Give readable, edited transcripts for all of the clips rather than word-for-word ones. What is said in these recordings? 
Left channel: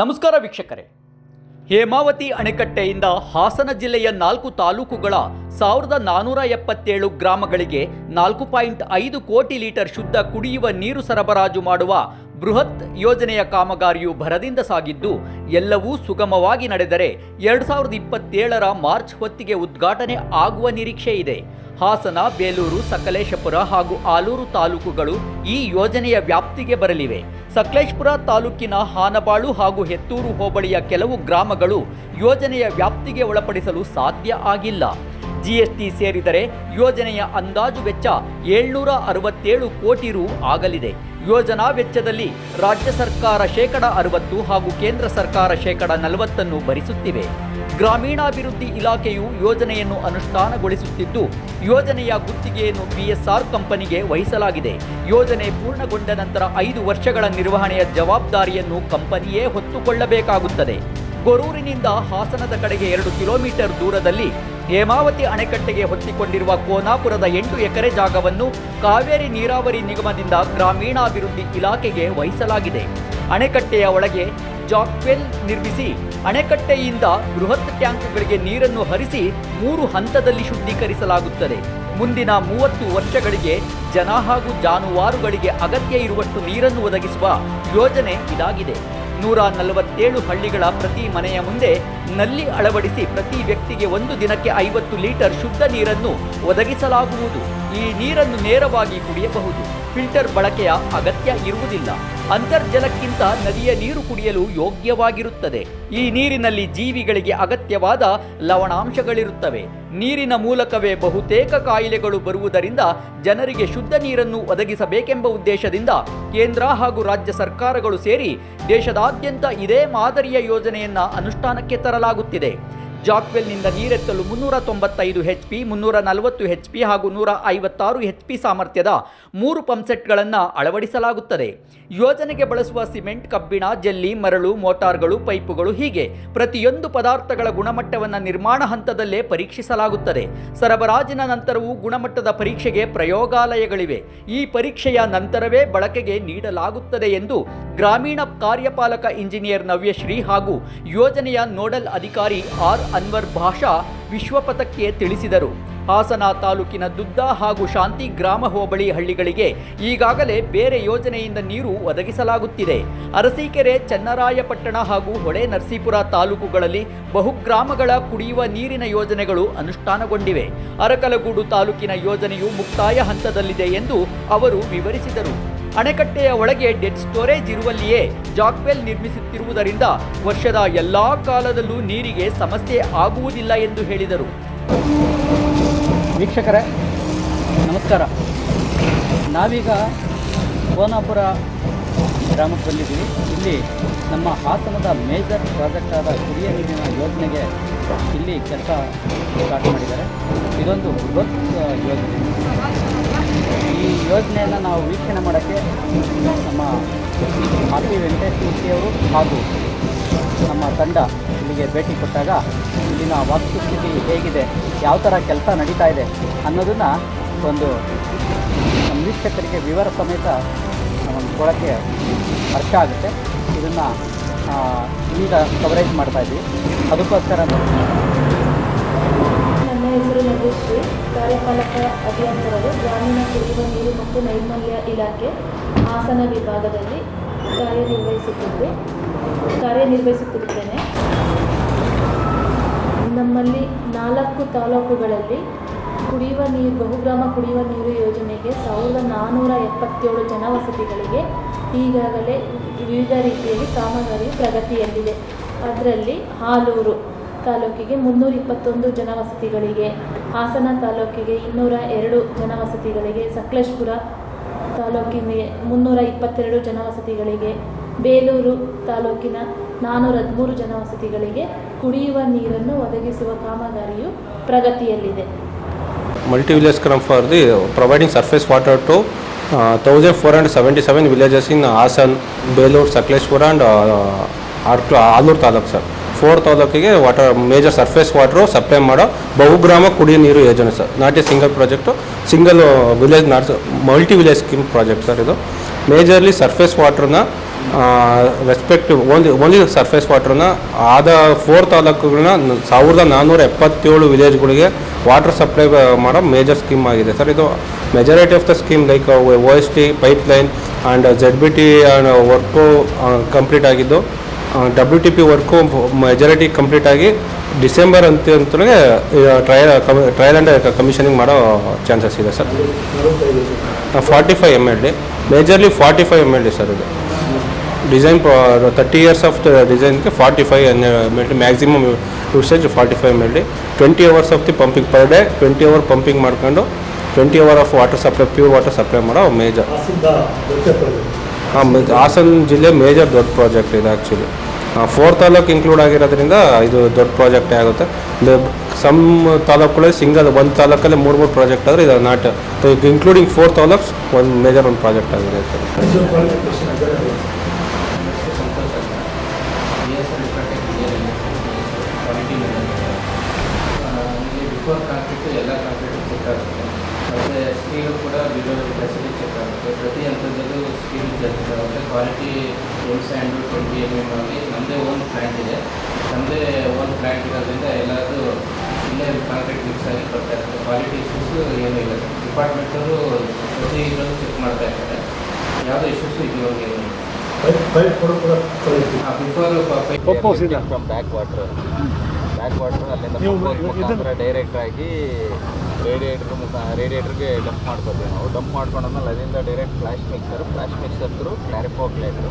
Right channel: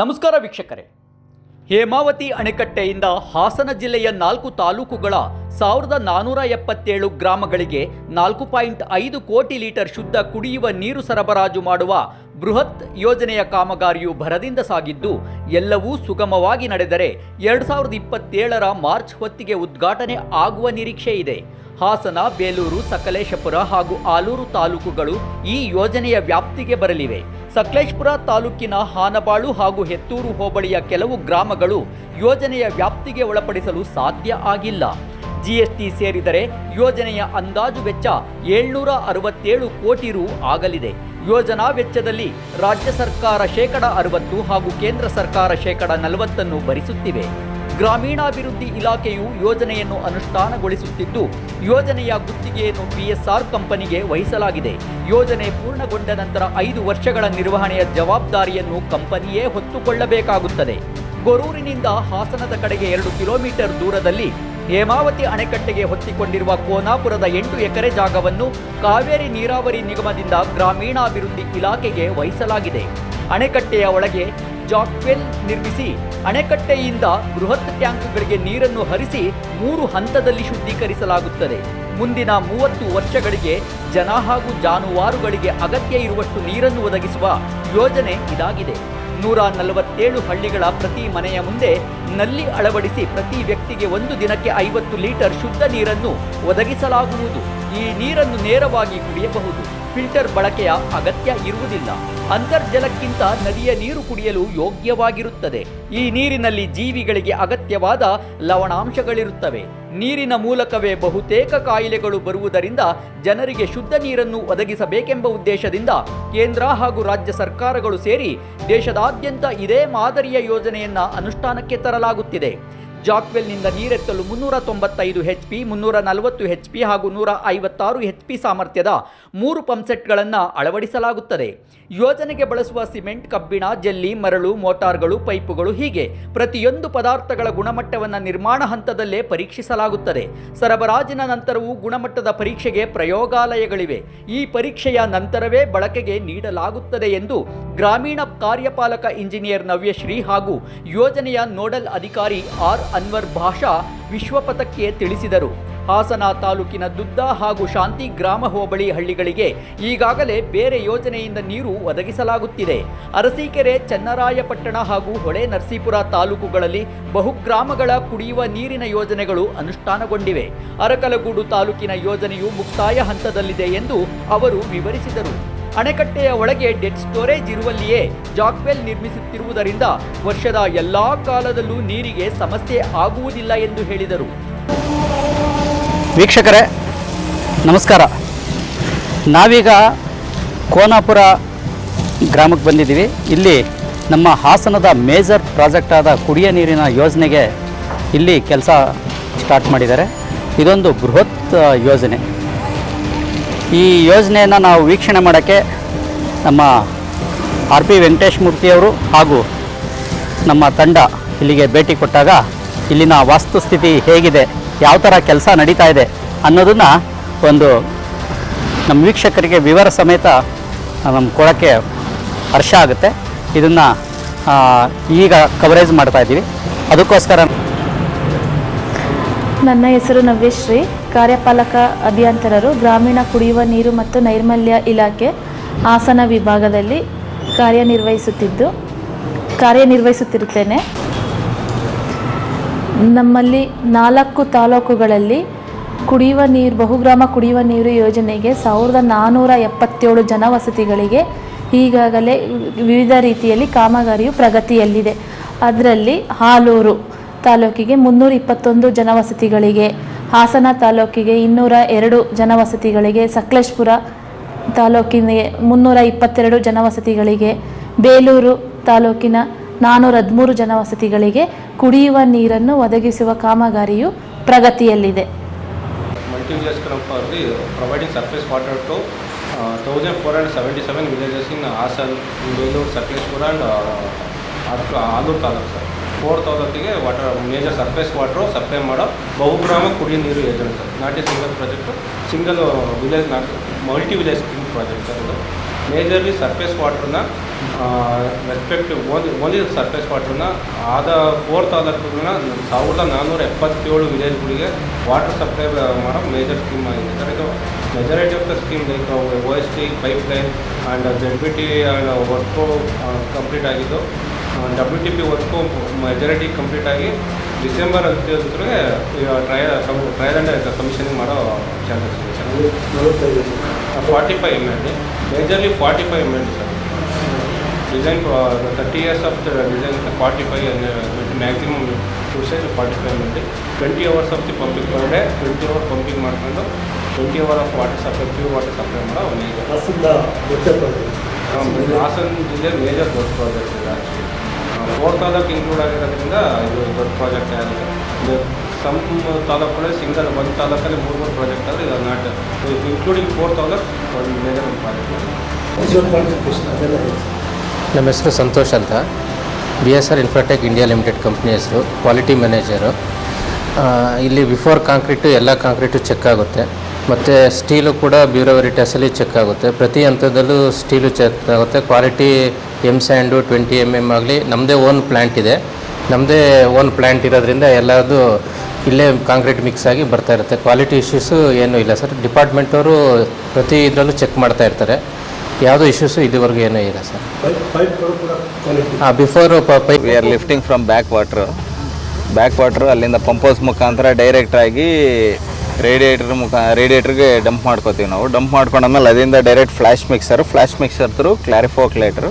ನಮಸ್ಕಾರ ವೀಕ್ಷಕರೇ. ಹೇಮಾವತಿ ಅಣೆಕಟ್ಟೆಯಿಂದ ಹಾಸನ ಜಿಲ್ಲೆಯ 4 ತಾಲೂಕುಗಳ 1477 ಗ್ರಾಮಗಳಿಗೆ 4.5 ಕೋಟಿ ಲೀಟರ್ ಶುದ್ಧ ಕುಡಿಯುವ ನೀರು ಸರಬರಾಜು ಮಾಡುವ ಬೃಹತ್ ಯೋಜನೆಯ ಕಾಮಗಾರಿಯು ಭರದಿಂದ ಸಾಗಿದ್ದು ಎಲ್ಲವೂ ಸುಗಮವಾಗಿ ನಡೆದರೆ 2027ರ ಮಾರ್ಚ್ ಹೊತ್ತಿಗೆ ಉದ್ಘಾಟನೆ ಆಗುವ ನಿರೀಕ್ಷೆ ಇದೆ. ಹಾಸನ, ಬೇಲೂರು, ಸಕಲೇಶಪುರ ಹಾಗೂ ಆಲೂರು ತಾಲೂಕುಗಳು ಈ ಯೋಜನೆಯ ವ್ಯಾಪ್ತಿಗೆ ಬರಲಿವೆ. ಸಕಲೇಶಪುರ ತಾಲೂಕಿನ ಹಾನಬಾಳು ಹಾಗೂ ಹೆತ್ತೂರು ಹೋಬಳಿಯ ಕೆಲವು ಗ್ರಾಮಗಳು ಯೋಜನೆಯ ವ್ಯಾಪ್ತಿಗೆ ಒಳಪಡಿಸಲು ಸಾಧ್ಯ ಆಗಿಲ್ಲ. ಜಿಎಸ್ಟಿ ಸೇರಿದರೆ ಯೋಜನೆಯ ಅಂದಾಜು ವೆಚ್ಚ 767 ಕೋಟಿ ರು ಆಗಲಿದೆ. ಯೋಜನಾ ವೆಚ್ಚದಲ್ಲಿ ರಾಜ್ಯ ಸರ್ಕಾರ ಶೇಕಡ 60 ಹಾಗೂ ಕೇಂದ್ರ ಸರ್ಕಾರ ಶೇಕಡ 40 ಭರಿಸುತ್ತಿವೆ. ಗ್ರಾಮೀಣಾಭಿವೃದ್ಧಿ ಇಲಾಖೆಯು ಯೋಜನೆಯನ್ನು ಅನುಷ್ಠಾನಗೊಳಿಸುತ್ತಿದ್ದು ಯೋಜನೆಯ ಗುತ್ತಿಗೆಯನ್ನು PSR ಕಂಪನಿಗೆ ವಹಿಸಲಾಗಿದೆ. ಯೋಜನೆ ಪೂರ್ಣಗೊಂಡ ನಂತರ 5 ವರ್ಷಗಳ ನಿರ್ವಹಣೆಯ ಜವಾಬ್ದಾರಿಯನ್ನು ಕಂಪನಿಯೇ ಹೊತ್ತುಕೊಳ್ಳಬೇಕಾಗುತ್ತದೆ. ಗೊರೂರಿನಿಂದ ಹಾಸನದ ಕಡೆಗೆ 2 ಕಿಲೋಮೀಟರ್ ದೂರದಲ್ಲಿ ಹೇಮಾವತಿ ಅಣೆಕಟ್ಟೆಗೆ ಹೊತ್ತಿಕೊಂಡಿರುವ ಕೋನಾಪುರದ 8 ಎಕರೆ ಜಾಗವನ್ನು ಕಾವೇರಿ ನೀರಾವರಿ ನಿಗಮದಿಂದ ಗ್ರಾಮೀಣಾಭಿವೃದ್ಧಿ ಇಲಾಖೆಗೆ ವಹಿಸಲಾಗಿದೆ. ಅಣೆಕಟ್ಟೆಯ ಒಳಗೆ ಜಾಕ್ವೆಲ್ ನಿರ್ಮಿಸಿ ಅಣೆಕಟ್ಟೆಯಿಂದ ಬೃಹತ್ ಟ್ಯಾಂಕ್ಗಳಿಗೆ ನೀರನ್ನು ಹರಿಸಿ 3 ಹಂತದಲ್ಲಿ ಶುದ್ಧೀಕರಿಸಲಾಗುತ್ತದೆ. ಮುಂದಿನ 30 ವರ್ಷಗಳಿಗೆ ಜನ ಹಾಗೂ ಜಾನುವಾರುಗಳಿಗೆ ಅಗತ್ಯ ಇರುವಷ್ಟು ನೀರನ್ನು ಒದಗಿಸುವ ಯೋಜನೆ ಇದಾಗಿದೆ. 147 ಹಳ್ಳಿಗಳ ಪ್ರತಿ ಮನೆಯ ಮುಂದೆ ನಲ್ಲಿ ಅಳವಡಿಸಿ ಪ್ರತಿ ವ್ಯಕ್ತಿಗೆ ಒಂದು ದಿನಕ್ಕೆ 50 ಲೀಟರ್ ಶುದ್ಧ ನೀರನ್ನು ಒದಗಿಸಲಾಗುವುದು. ಈ ನೀರನ್ನು ನೇರವಾಗಿ ಕುಡಿಯಬಹುದು. ಫಿಲ್ಟರ್ ಬಳಕೆಯ ಅಗತ್ಯ ಇರುವುದಿಲ್ಲ. ಅಂತರ್ಜಲಕ್ಕಿಂತ ನದಿಯ ನೀರು ಕುಡಿಯಲು ಯೋಗ್ಯವಾಗಿರುತ್ತದೆ. ಈ ನೀರಿನಲ್ಲಿ ಜೀವಿಗಳಿಗೆ ಅಗತ್ಯವಾದ ಲವಣಾಂಶಗಳಿರುತ್ತವೆ. ನೀರಿನ ಮೂಲಕವೇ ಬಹುತೇಕ ಕಾಯಿಲೆಗಳು ಬರುವುದರಿಂದ ಜನರಿಗೆ ಶುದ್ಧ ನೀರನ್ನು ಒದಗಿಸಬೇಕೆಂಬ ಉದ್ದೇಶದಿಂದ ಕೇಂದ್ರ ಹಾಗೂ ರಾಜ್ಯ ಸರ್ಕಾರಗಳು ಸೇರಿ ದೇಶದಾದ್ಯಂತ ಇದೇ ಮಾದರಿಯ ಯೋಜನೆಯನ್ನು ಅನುಷ್ಠಾನಕ್ಕೆ ತರಲಾಗುತ್ತಿದೆ. ಜಾಕ್ವೆಲ್ನಿಂದ ನೀರೆತ್ತಲು 395 HP, 340 HP ಹಾಗೂ 156 HP ಸಾಮರ್ಥ್ಯದ 3 ಪಂಪ್ಸೆಟ್ಗಳನ್ನು ಅಳವಡಿಸಲಾಗುತ್ತದೆ. ಯೋಜನೆಗೆ ಬಳಸುವ ಸಿಮೆಂಟ್, ಕಬ್ಬಿಣ, ಜಲ್ಲಿ, ಮರಳು, ಮೋಟಾರ್ಗಳು, ಪೈಪುಗಳು ಹೀಗೆ ಪ್ರತಿಯೊಂದು ಪದಾರ್ಥಗಳ ಗುಣಮಟ್ಟವನ್ನು ನಿರ್ಮಾಣ ಹಂತದಲ್ಲೇ ಪರೀಕ್ಷಿಸಲಾಗುತ್ತದೆ. ಸರಬರಾಜಿನ ನಂತರವೂ ಗುಣಮಟ್ಟದ ಪರೀಕ್ಷೆಗೆ ಪ್ರಯೋಗಾಲಯಗಳಿವೆ. ಈ ಪರೀಕ್ಷೆಯ ನಂತರವೇ ಬಳಕೆಗೆ ನೀಡಲಾಗುತ್ತದೆ ಎಂದು ಗ್ರಾಮೀಣ ಕಾರ್ಯಪಾಲಕ ಇಂಜಿನಿಯರ್ ನವ್ಯಶ್ರೀ ಹಾಗೂ ಯೋಜನೆಯ ನೋಡಲ್ ಅಧಿಕಾರಿ ಆರ್ ಅನ್ವರ್ ಭಾಷಾ ವಿಶ್ವಪಥಕ್ಕೆ ತಿಳಿಸಿದರು. ಹಾಸನ ತಾಲೂಕಿನ ದುದ್ದ ಹಾಗೂ ಶಾಂತಿ ಗ್ರಾಮ ಹೋಬಳಿ ಹಳ್ಳಿಗಳಿಗೆ ಈಗಾಗಲೇ ಬೇರೆ ಯೋಜನೆಯಿಂದ ನೀರು ಒದಗಿಸಲಾಗುತ್ತಿದೆ. ಅರಸೀಕೆರೆ, ಚನ್ನರಾಯಪಟ್ಟಣ ಹಾಗೂ ಹೊಳೆ ನರಸೀಪುರ ತಾಲೂಕುಗಳಲ್ಲಿ ಬಹುಗ್ರಾಮಗಳ ಕುಡಿಯುವ ನೀರಿನ ಯೋಜನೆಗಳು ಅನುಷ್ಠಾನಗೊಂಡಿವೆ. ಅರಕಲಗೂಡು ತಾಲೂಕಿನ ಯೋಜನೆಯು ಮುಕ್ತಾಯ ಹಂತದಲ್ಲಿದೆ ಎಂದು ಅವರು ವಿವರಿಸಿದರು. ಅಣೆಕಟ್ಟೆಯ ಒಳಗೆ ಡೆಡ್ ಸ್ಟೋರೇಜ್ ಇರುವಲ್ಲಿಯೇ ಜಾಕ್ವೆಲ್ ನಿರ್ಮಿಸುತ್ತಿರುವುದರಿಂದ ವರ್ಷದ ಎಲ್ಲಾ ಕಾಲದಲ್ಲೂ ನೀರಿಗೆ ಸಮಸ್ಯೆ ಆಗುವುದಿಲ್ಲ ಎಂದು ಹೇಳಿದರು. ವೀಕ್ಷಕರೇ ನಮಸ್ಕಾರ. ನಾವೀಗ ಕೋನಾಪುರ ಗ್ರಾಮಕ್ಕೆ ಬಂದಿದ್ದೀವಿ. ಇಲ್ಲಿ ನಮ್ಮ ಹಾಸನದ ಮೇಜರ್ ಪ್ರಾಜೆಕ್ಟ್ ಆದ ಕುಡಿಯ ನೀರಿನ ಯೋಜನೆಗೆ ಇಲ್ಲಿ ಕೆಲಸ ಸ್ಟಾರ್ಟ್ ಮಾಡಿದ್ದಾರೆ. ಇದೊಂದು ಬೃಹತ್ ಯೋಜನೆ. ಈ ಯೋಜನೆಯನ್ನು ನಾವು ವೀಕ್ಷಣೆ ಮಾಡೋಕ್ಕೆ ನಮ್ಮ RP ವೆಂಕಟೇಶ್ ಮೂರ್ತಿಯವರು ಹಾಗೂ ನಮ್ಮ ತಂಡ ಇಲ್ಲಿಗೆ ಭೇಟಿ ಕೊಟ್ಟಾಗ ಇಲ್ಲಿನ ವಾಸ್ತುಸ್ಥಿತಿ ಹೇಗಿದೆ, ಯಾವ ಥರ ಕೆಲಸ ನಡೀತಾ ಇದೆ ಅನ್ನೋದನ್ನು ಒಂದು ನಮ್ಮ ವೀಕ್ಷಕರಿಗೆ ವಿವರ ಸಮೇತ ಕೊಡೋಕ್ಕೆ ಹರ್ಷ ಆಗುತ್ತೆ. ಇದನ್ನು ಈಗ ಕವರೇಜ್ ಮಾಡ್ತಾ ಇದ್ದೀವಿ. ಅದಕ್ಕೋಸ್ಕರ ನನ್ನ ಹೆಸರು ನವ್ಯಶ್ರೀ, ಕಾರ್ಯಪಾಲಕ ಅಭಿಯಂತರರು, ಗ್ರಾಮೀಣ ಕುಡಿಯುವ ನೀರು ಮತ್ತು ನೈರ್ಮಲ್ಯ ಇಲಾಖೆ ಹಾಸನ ವಿಭಾಗದಲ್ಲಿ ಕಾರ್ಯನಿರ್ವಹಿಸುತ್ತಿರುತ್ತೇನೆ. ನಮ್ಮಲ್ಲಿ 4 ತಾಲೂಕುಗಳಲ್ಲಿ ಬಹುಗ್ರಾಮ ಕುಡಿಯುವ ನೀರು ಯೋಜನೆಗೆ 1477 ಜನವಸತಿಗಳಿಗೆ ಈಗಾಗಲೇ ವಿವಿಧ ರೀತಿಯಲ್ಲಿ ಕಾಮಗಾರಿಯು ಪ್ರಗತಿಯಲ್ಲಿದೆ. ಅದರಲ್ಲಿ ಆಲೂರು ತಾಲೂಕಿಗೆ 321 ಜನವಸತಿಗಳಿಗೆ, ಹಾಸನ ತಾಲೂಕಿಗೆ 202 ಜನವಸತಿಗಳಿಗೆ, ಸಕಲೇಶಪುರ ತಾಲೂಕಿನ 322 ಜನವಸತಿಗಳಿಗೆ, ಬೇಲೂರು ತಾಲೂಕಿನ 413 ಜನವಸತಿಗಳಿಗೆ ಕುಡಿಯುವ ನೀರನ್ನು ಒದಗಿಸುವ ಕಾಮಗಾರಿಯು ಪ್ರಗತಿಯಲ್ಲಿದೆ. ಮಲ್ಟಿ ವಿಲೇಜ್ ಕ್ರಮ್ for the providing surface water to 1477 villages in Hassan, Belur, Sakleshpur and Alur taluk sir. 4 ತಾಲೂಕಿಗೆ water major surface water supply ಮಾಡೋ ಬಹುಗ್ರಾಮ ಕುಡಿಯ ನೀರು ಯೋಜನೆ sir. Not a single project, single village not multi village scheme project sir. ಇದು ಮೇಜರ್ಲಿ ಸರ್ಫೇಸ್ ವಾಟರ್ನ respective only surface ವಾಟ್ರನ್ನ ಆದ 4 ತಾಲೂಕುಗಳನ್ನ 1477 ವಿಲೇಜ್ಗಳಿಗೆ ವಾಟರ್ ಸಪ್ಲೈ ಮಾಡೋ ಮೇಜರ್ ಸ್ಕೀಮ್ ಆಗಿದೆ ಸರ್. ಇದು majority of the scheme like OST pipeline and ZBT work complete ಆಗಿದ್ದು, WTP ವರ್ಕು ಮೆಜಾರಿಟಿ ಕಂಪ್ಲೀಟ್ ಆಗಿ ಡಿಸೆಂಬರ್ ಅಂತಲೇ ಟ್ರಯಲ್ ಆ್ಯಂಡ್ ಕಮಿಷನಿಂಗ್ ಮಾಡೋ ಚಾನ್ಸಸ್ ಇದೆ sir. 45 MLD, majorly 45 MLD sir. ಇದು ಡಿಸೈನ್ 30 years ಆಫ್ ಡಿಸೈನ್ಗೆ 45 MLD maximum usage 45 MLD. 20 hours of the pumping per day, 20 hour pumping ಮಾಡ್ಕೊಂಡು 20 hour of water supply, pure water supply ಮಾಡೋ major. Hassan ಜಿಲ್ಲೆ major ದೊಡ್ಡ project ಇದೆ actually. 4 taluk include ಆಗಿರೋದ್ರಿಂದ ಇದು ದೊಡ್ಡ ಪ್ರಾಜೆಕ್ಟೇ ಆಗುತ್ತೆ. ಸಮ್ ತಾಲೂಕುಗಳಲ್ಲಿ ಒಂದು ತಾಲೂಕಲ್ಲಿ 3 ಪ್ರಾಜೆಕ್ಟ್ ಆದರೆ ಇದು ನಾಟ್ ಇನ್ಕ್ಲೂಡಿಂಗ್ 4 ತಾಲೂಕ್ಸ್ ಒಂದು ಮೇಜರ್ ಒಂದು ಪ್ರಾಜೆಕ್ಟ್ ಆಗಿದೆ. ನಮ್ಮ ಹೆಸರು ಸಂತೋಷ್ ಅಂತ, BSR Infratech India limited company ಹೆಸರು, ಕ್ವಾಲಿಟಿ ಮ್ಯಾನೇಜರು. ಇಲ್ಲಿ ಬಿಫೋರ್ ಕಾಂಕ್ರೀಟು ಎಲ್ಲ ಕಾಂಕ್ರೀಟು ಚೆಕ್ ಆಗುತ್ತೆ, ಮತ್ತು ಸ್ಟೀಲು ಕೂಡ ಬ್ಯೂರೋ ವೆರಿಟಾಸಲ್ಲಿ ಚೆಕ್ ಆಗುತ್ತೆ. ಪ್ರತಿ ಹಂತದಲ್ಲೂ ಸ್ಟೀಲು ಚೆಕ್ ಆಗುತ್ತೆ. ಕ್ವಾಲಿಟಿ ಸ್ಯಾಂಡು 20 mm ಆಗಲಿ, ನಮ್ಮದೇ ಓನ್ ಪ್ಲ್ಯಾಂಟ್ ಇದೆ. ನಮ್ಮದೇ ಓನ್ ಪ್ಲ್ಯಾಂಟ್ ಇರೋದ್ರಿಂದ ಎಲ್ಲದು ಇಲ್ಲೇ ಕಾಂಕ್ರೀಟ್ ಮಿಕ್ಸ್ ಆಗಿ ಬರ್ತಾ ಇರುತ್ತೆ. ಕ್ವಾಲಿಟಿ ಇಶ್ಯೂಸು ಏನೂ ಇಲ್ಲ ಸರ್. ಡಿಪಾರ್ಟ್ಮೆಂಟವರು ಪ್ರತಿ ಇದರಲ್ಲೂ ಚೆಕ್ ಮಾಡ್ತಾ ಇರ್ತಾರೆ. ಯಾವುದೋ ಇಶ್ಯೂಸು ಇದುವರೆಗೂ ಏನೂ ಇಲ್ಲ sir. Before pipe we are lifting from back water ಅಲ್ಲಿಂದ ಪಂಪೌಸ್ ಮುಖಾಂತರ ಡೈರೆಕ್ಟಾಗಿ ರೇಡಿಯೇಟ್ರಿಗೆ ಡಂಪ್ ಮಾಡ್ಕೋತೀವಿ ನಾವು. ಡಂಪ್ ಮಾಡ್ಕೊಂಡಾದ್ಮೇಲೆ ಅದರಿಂದ direct flash mixer through clariflocculator,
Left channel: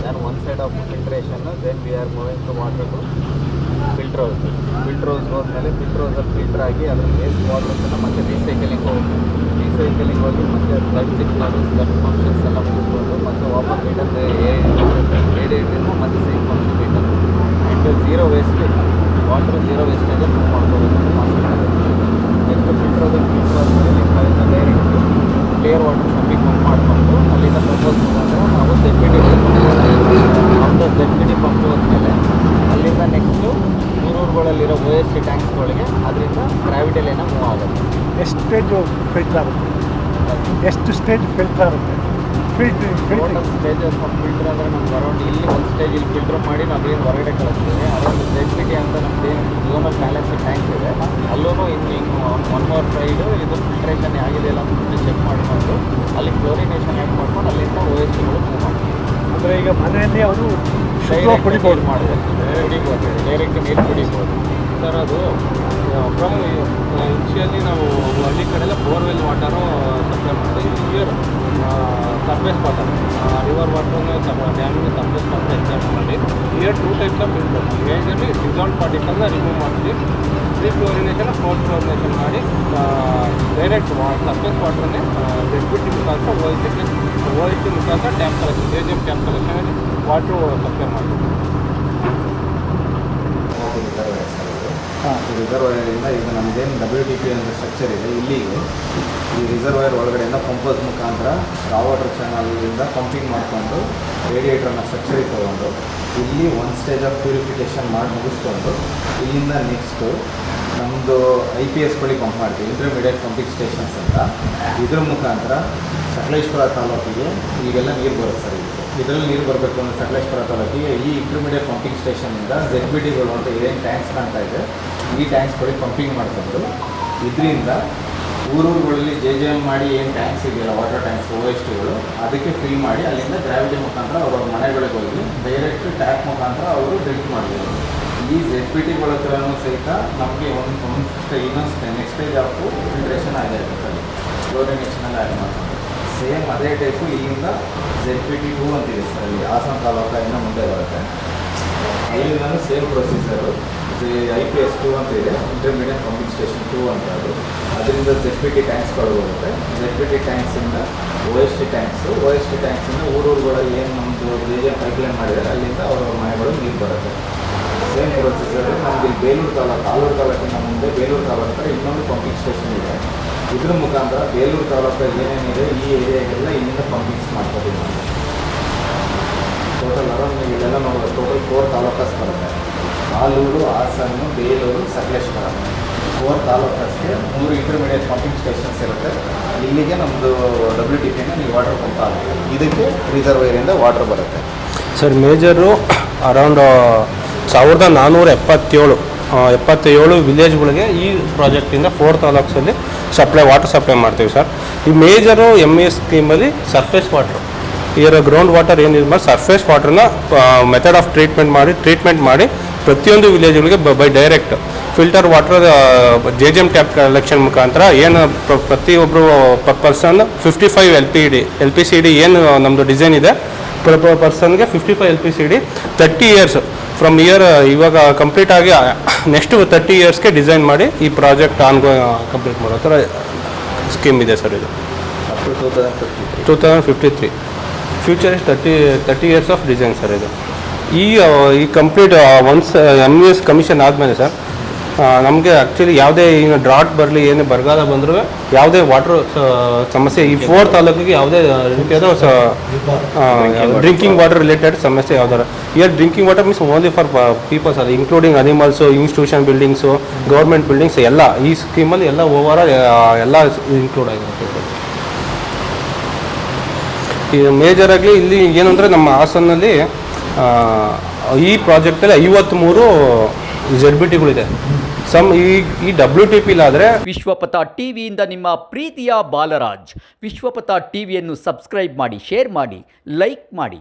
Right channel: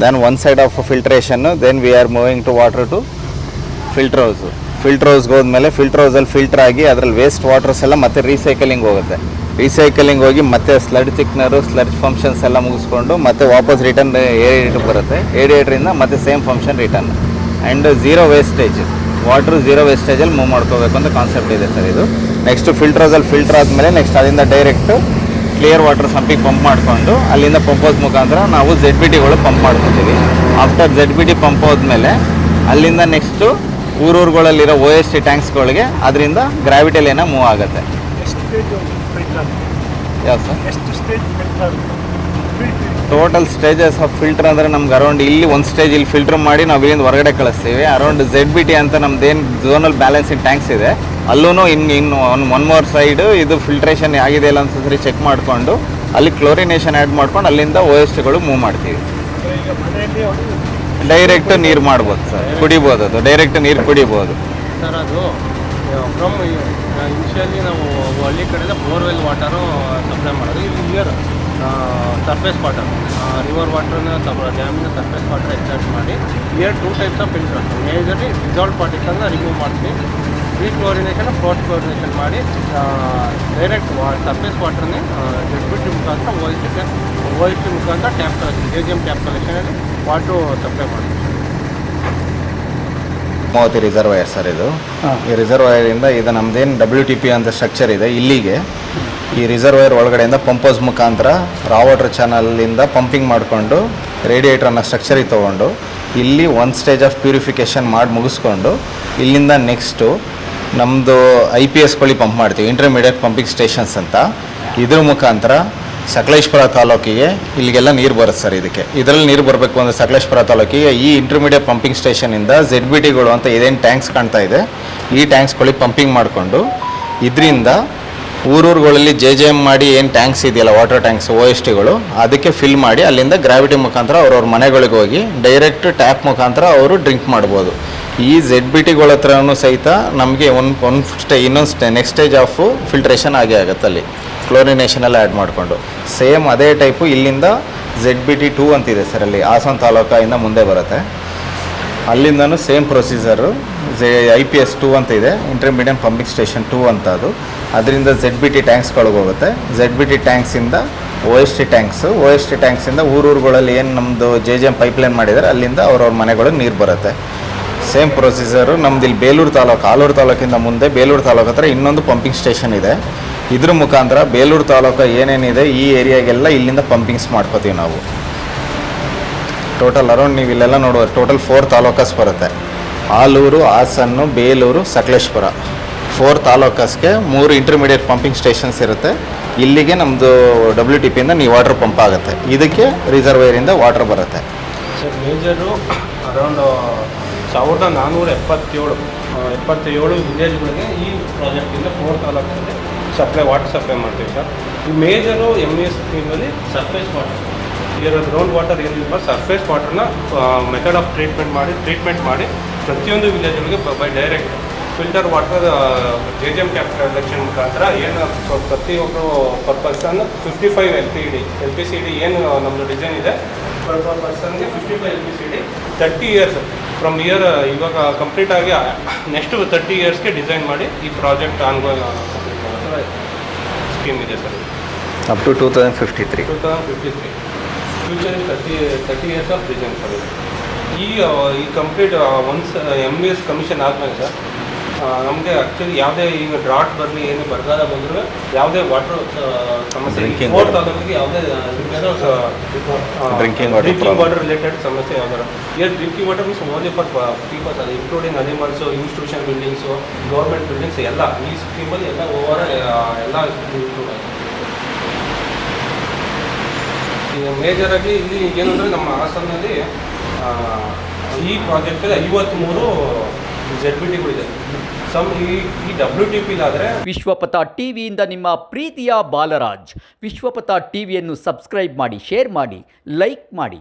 then one side of ಫಿಲ್ಟ್ರೇಷನ್ನು, then we are moving to water to filter ಹೌಸ್ಗೆ ಹೋದ್ಮೇಲೆ ಫಿಲ್ಟರ್ ಹೌಸಲ್ಲಿ ಫಿಲ್ಟರ್ ಆಗಿ ಅದರಲ್ಲಿ ವೇಸ್ಟ್ ವಾಟರ್ಸ್ ಎಲ್ಲ ಮತ್ತೆ ರೀಸೈಕಲಿಂಗ್ ಹೋಗಿ ಮತ್ತೆ ಸ್ಲಡ್ ಥಿಕ್ನರು, ಸ್ಲಡ್ ಫಂಕ್ಷನ್ಸ್ ಎಲ್ಲ ಮುಗಿಸ್ಕೊಂಡು ಮತ್ತೆ ವಾಪಸ್ ರಿಟರ್ನ್ ಏರಿಯೇಟ್ರ್ ಬರುತ್ತೆ. ಏರಿಯೇಟ್ರಿಂದ ಮತ್ತೆ same function return and zero ವೇಸ್ಟೇಜಲ್ಲಿ ಮೂವ್ ಮಾಡ್ಕೋಬೇಕು ಅಂತ ಕಾನ್ಸೆಪ್ಟ್ ಇದೆ ಸರ್ ಇದು. ನೆಕ್ಸ್ಟ್ ಫಿಲ್ಟರ್ ಹೌಸಲ್ಲಿ ಫಿಲ್ಟರ್ ಆದಮೇಲೆ ನೆಕ್ಸ್ಟ್ ಅಲ್ಲಿಂದ ಡೈರೆಕ್ಟು ಕ್ಲಿಯರ್ ವಾಟರ್ ಸಂಪಿಗೆ ಪಂಪ್ ಮಾಡಿಕೊಂಡು ಅಲ್ಲಿಂದ ಪಂಪೌಸ್ ಮುಖಾಂತರ ನಾವು ZBTಗಳು ಪಂಪ್ ಮಾಡ್ಕೊತೀವಿ. ಆಫ್ಟರ್ ZBT ಪಂಪ್ ಹೋದ್ಮೇಲೆ ಅಲ್ಲಿಂದ ನೆಕ್ಸ್ಟು ಊರುಗಳಲ್ಲಿರೋ OST ಟ್ಯಾಂಕ್ಸ್ಗಳಿಗೆ ಅದರಿಂದ ಗ್ರಾವಿಟಿಲಿನ ಮೂವ್ ಆಗುತ್ತೆ. ಟೋಟಲ್ ಸ್ಟೇಜಸ್ ಆಫ್ ಫಿಲ್ಟರ್ ಅಂದರೆ ನಮ್ಗೆ ಅರೌಂಡ್ ಇಲ್ಲಿ ಒಂದು ಸ್ಟೇಜ್ ಇಲ್ಲಿ ಫಿಲ್ಟರ್ ಮಾಡಿ ನಾವು ಇಲ್ಲಿಂದ ಹೊರಗಡೆ ಕಳಿಸ್ತೀವಿ. ಅರೌಂಡ್ ZBT ಅಂತ ನಮ್ದೇನು ಝೋನಲ್ ಬ್ಯಾಲೆನ್ಸಿಂಗ್ ಟ್ಯಾಂಕ್ಸ್ ಇದೆ ಅಲ್ಲೂ ಇನ್ನು ಒನ್ ಮೋರ್ ಸೈಡು ಇದು ಫಿಲ್ಟ್ರೇಷನ್ ಆಗಿದೆ ಇಲ್ಲ ಅಂತ ಚೆಕ್ ಮಾಡಿಕೊಂಡು ಅಲ್ಲಿ ಕ್ಲೋರಿನೇಷನ್ ಆ್ಯಡ್ ಮಾಡ್ಕೊಂಡು ಅಲ್ಲಿಂದ OSTಗಳು ಮೂವ್ ಮಾಡ್ತೀವಿ. ಡೈರೆಕ್ಟ್ ನೀರು ಮಾಡ್ಬೋದು ಸರ್, ಕುಡಿಬೋದು. ಅದು ಡೈರೆಕ್ಟ್ ನೀರು ಕುಡಿಬೋದು ಸರ್. ಅದು ಫ್ರಮ್ ಇನಿಷಿಯಲಿ ನಾವು ಹಳ್ಳಿ ಕಡೆಲ್ಲ ಬೋರ್ವೆಲ್ ವಾಟರು ಸಪ್ಲೈ ಮಾಡೋದು. ಇದು ಸರ್ಫೇಸ್ ವಾಟರ್, ರಿವರ್ ವಾಟರ್ನ ಡ್ಯಾಮಿನ ಸರ್ಫೇಸ್ ವಾಟರ್ ಎಕ್ಸ್ಟ್ರಾಕ್ಟ್ ಮಾಡಿ year 2 types of filter. Majorly dissolve ಪಾರ್ಟಿಕಲ್ನ ರಿಮೂವ್ ಮಾಡ್ತೀವಿ. ಕ್ಲೋರಿನೇಷನ್, ಫೋರ್ತ್ ಕ್ಲೋರಿನೇಷನ್ ಮಾಡಿ ಡೈರೆಕ್ಟ್ ಸರ್ಫೇಸ್ ವಾಟರ್ನೇ ZBT ಮುಖಾಂತರ OST ಮುಖಾಂತರ ಟ್ಯಾಪ್ ಕಲೆಕ್ಷನ್, JGM ಟ್ಯಾಪ್ ಕಲೆಕ್ಷನಲ್ಲಿ ವಾಟರ್ ಸಪ್ಲೈ ಮಾಡ್ತೀವಿ. 30 ರಿಸರ್ವಾಯರ್ ಸರ್ ಇದು. ಈ ರಿಸರ್ವಾಯರಿಂದ ಇದು ನಮ್ಮದೇನು WTP ಅಂತ ಸ್ಟ್ರಕ್ಚರ್ ಇದೆ ಇಲ್ಲಿಗೆ ಈ ರಿಸರ್ವಾಯರ್ ಒಳಗಡೆಯಿಂದ ಪಂಪೌಸ್ ಮುಖಾಂತರ ರಾ ವಾಟರ್ ಚಾನಲಿಂದ ಪಂಪಿಂಗ್ ಮಾಡಿಕೊಂಡು ರೇಡಿಯೇಟ್ರನ್ನ ಸ್ಟ್ರಕ್ಚರಿಗೆ ತೊಗೊಂಡು ಇಲ್ಲಿ ಒಂದು ಸ್ಟೇಜ್ ಆಫ್ ಪ್ಯೂರಿಫಿಕೇಷನ್ ಮಾಡಿ ಮುಗಿಸ್ಕೊಂಡು ಇಲ್ಲಿಂದ ನೆಕ್ಸ್ಟು ನಮ್ಮದು IPSಗಳಿಗೆ ಪಂಪ್ ಮಾಡ್ತೀವಿ, ಇಂಟರ್ಮೀಡಿಯೇಟ್ ಪಂಪಿಂಗ್ ಸ್ಟೇಷನ್ಸ್ ಅಂತ. ಇದ್ರ ಮುಖಾಂತರ ಸಕಲೇಶ್ಪುರ ತಾಲೂಕಿಗೆ ಇಲ್ಲಿಗೆಲ್ಲ ನೀರು ಬರುತ್ತೆ ಸರ್. ಇದರಲ್ಲಿ ನೀರು ಬರಬೇಕು ಅಂದರೆ ಸಕಲೇಶ್ಪುರ ತಾಲೂಕಿಗೆ ಈ ಇಂಟರ್ಮೀಡಿಯೇಟ್ ಪಂಪಿಂಗ್ ಸ್ಟೇಷನಿಂದ ZBTಗಳು ಅಂತ ಇದೇನು ಟ್ಯಾಂಕ್ಸ್ ಕಾಣ್ತಾ ಇದೆ ಈ ಟ್ಯಾಂಕ್ಸ್ಗಳಿಗೆ ಪಂಪಿಂಗ್ ಮಾಡಿಕೊಂಡು ಇದರಿಂದ ಊರುಗಳಲ್ಲಿ JGM ಮಾಡಿ ಏನು ಟ್ಯಾಂಕ್ಸ್ ಇದೆಯಲ್ಲ ವಾಟರ್ ಟ್ಯಾಂಕ್ಸ್ OSTಗಳು ಅದಕ್ಕೆ ಫಿಲ್ ಮಾಡಿ ಅಲ್ಲಿಂದ ಗ್ರಾವಿಟಿ ಮುಖಾಂತರ ಅವ್ರವ್ರ ಮನೆಗಳಿಗೆ ಹೋಗಿ ಡೈರೆಕ್ಟ್ ಟ್ಯಾಪ್ ಮುಖಾಂತರ ಅವರು ಡ್ರಿಂಕ್ ಮಾಡ್ಬೋದು. ಈ ZBTಗಳ ಹತ್ರನೂ ಸಹಿತ ನಮಗೆ ಇನ್ನೊಂದು ನೆಕ್ಸ್ಟ್ ಸ್ಟೇಜ್ ಆಫ್ ಫಿಲ್ಟ್ರೇಷನ್ ಆಗೇ ಆಗುತ್ತೆ. ಅಲ್ಲಿ ಕ್ಲೋರಿನೇಷನೆಲ್ಲ ಆ್ಯಡ್ ಮಾಡಿಕೊಂಡು ಸೇಮ್ ಅದೇ ಟೈಪು ಇಲ್ಲಿಂದ ZBT 2 ಅಂತಿದೆ ಸರ್. ಅಲ್ಲಿ ಹಾಸನ ತಾಲೂಕಿಂದ ಮುಂದೆ ಬರುತ್ತೆ. ಅಲ್ಲಿಂದನೂ ಸೇಮ್ ಪ್ರೊಸೀಜರು IPS 2 ಅಂತ ಇದೆ, ಇಂಟರ್ಮೀಡಿಯೇಟ್ ಪಂಪಿಂಗ್ ಸ್ಟೇಷನ್ 2 ಅಂತ. ಅದರಿಂದ ZBT ಟ್ಯಾಂಕ್ಸ್ಗಳಿಗೆ ಹೋಗುತ್ತೆ. ZBT ಟ್ಯಾಂಕ್ಸಿಂದ OST ಟ್ಯಾಂಕ್ಸಿಂದ ಊರುಗಳಲ್ಲಿ ಏನು ನಮ್ಮದು JGM ಪೈಪ್ಲೈನ್ ಮಾಡಿದರೆ ಅಲ್ಲಿಂದ ಅವ್ರವ್ರ ಮನೆಗಳಿಗೆ ನೀರು ಬರುತ್ತೆ. ಸೇಮ್ ಪ್ರೊಸೀಜರು ನಮ್ದು ಇಲ್ಲಿ ಆಲೂರು ತಾಲೂಕಿಂದ ಮುಂದೆ ಬೇಲೂರು ತಾಲೂಕು ಹತ್ರ ಇನ್ನೊಂದು ಪಂಪಿಂಗ್ ಸ್ಟೇಷನ್ ಇದೆ. ಇದ್ರ ಮುಖಾಂತರ ಬೇಲೂರು ತಾಲೂಕು ಏನೇನಿದೆ ಈ ಏರಿಯಾಗೆಲ್ಲ ಇಲ್ಲಿಂದ ಪಂಪಿಂಗ್ಸ್ ಮಾಡ್ಕೋತೀವಿ ನಾವು. ಟೋಟಲ್ ಅರೌಂಡ್ ನೀವು ಇಲ್ಲೆಲ್ಲ ನೋಡುವ ಟೋಟಲ್ 4 ತಾಲೂಕಸ್ ಬರುತ್ತೆ. ಆಲೂರು, ಹಾಸನ್ನು, ಬೇಲೂರು, ಸಕಲೇಶ್ಪುರ 4 ತಾಲೂಕಸ್ಗೆ 3 ಇಂಟರ್ಮೀಡಿಯೇಟ್ ಪಂಪಿಂಗ್ ಸ್ಟೇಷನ್ಸ್ ಇರುತ್ತೆ. ಇಲ್ಲಿಗೆ ನಮ್ಮದು WTPಯಿಂದ ನೀವು ವಾಟರ್ ಪಂಪ್ ಆಗುತ್ತೆ. ಇದಕ್ಕೆ ರಿಸರ್ವೈರಿಂದ ವಾಟರ್ ಬರುತ್ತೆ. ಸರ್ ಮೇಜರು ಅರೌಂಡ್ 1477 ವಿಲೇಜ್ಗಳಿಗೆ ಈ ಪ್ರಾಜೆಕ್ಟಿಂದ 4 ತಾಲೂಕ್ಸಲ್ಲಿ ವಾಟರ್ ಸಪ್ಲೈ ಮಾಡ್ತೀವಿ ಸರ್. ಈ ಮೇಜರು MES ಸ್ಕೀಮಲ್ಲಿ ಸರ್ಫೇಸ್ ವಾಟರ್, ಇದರ ಗ್ರೌಂಡ್ ವಾಟರ್ ಏನಿಲ್ಲ ಸರ್ಫೇಸ್ ವಾಟರ್ನ ಮೆಥಡ್ ಆಫ್ ಟ್ರೀಟ್ಮೆಂಟ್ ಮಾಡಿ ಪ್ರತಿಯೊಂದು ವಿಲೇಜ್ಗಳಿಗೆ by direct filter water JJM tap collection ಮುಖಾಂತರ ಏನು ಪ್ರತಿಯೊಬ್ಬರು ಪರ್ಸನ್ 55 LPCD ಏನು ನಮ್ಮದು ಡಿಸೈನ್ ಇದೆ, ಪರ್ಸನ್ಗೆ 55 LPCD 30 ಇಯರ್ಸ್ ಫ್ರಮ್ ಇವಾಗ ಕಂಪ್ಲೀಟ್ ಆಗಿ ನೆಕ್ಸ್ಟ್ 30 ಇಯರ್ಸ್ಗೆ ಡಿಸೈನ್ ಮಾಡಿ ಈ ಪ್ರಾಜೆಕ್ಟ್ ಕಂಪ್ಲೀಟ್ ಮಾಡೋ ಥರ ಸ್ಕೀಮ್ ಇದೆ ಸರ್. ಇದು up to 2053 future is 30 years of design sir. ಇದು ಈ ಕಂಪ್ಲೀಟ್ ಒನ್ಸ್ MES ಕಮಿಷನ್ ಆದಮೇಲೆ ಸರ್ ನಮಗೆ ಆ್ಯಕ್ಚುಲಿ ಯಾವುದೇ ಏನು ಡ್ರಾಟ್ ಬರಲಿ ಏನು ಬರಗಾಲ ಬಂದರೂ ಯಾವುದೇ ವಾಟರ್ ಸಮಸ್ಯೆ ಈ 4 ತಾಲೂಕಿಗೆ ಯಾವುದೇ ರೀತಿಯಾದ ಡ್ರಿಂಕಿಂಗ್ ವಾಟರ್ ರಿಲೇಟೆಡ್ ಸಮಸ್ಯೆ ಯಾವ್ದಾರ drinking water means only for peoples ಅದು including animals, institution buildings, government buildings ಎಲ್ಲ ಈ ಸ್ಕೀಮಲ್ಲಿ ಎಲ್ಲ ಓವರ್ ಎಲ್ಲ ಇನ್ಕ್ಲೂಡ್ ಆಗಿದೆ. ಈ ಮೇಜರಾಗಿ ಇಲ್ಲಿ ಏನಂದರೆ ನಮ್ಮ ಹಾಸನಲ್ಲಿ ಈ ಪ್ರಾಜೆಕ್ಟಲ್ಲಿ 53 ZBTಗಳಿದೆ. ಈ WTP ಇಲ್ಲಾದರೆ ವಿಶ್ವಪಥ ಟಿವಿಯಿಂದ ನಿಮ್ಮ ಪ್ರೀತಿಯ ಬಾಲರಾಜ್. ವಿಶ್ವಪಥ ಟಿವಿಯನ್ನು ಸಬ್ಸ್ಕ್ರೈಬ್ ಮಾಡಿ, ಶೇರ್ ಮಾಡಿ, ಲೈಕ್ ಮಾಡಿ.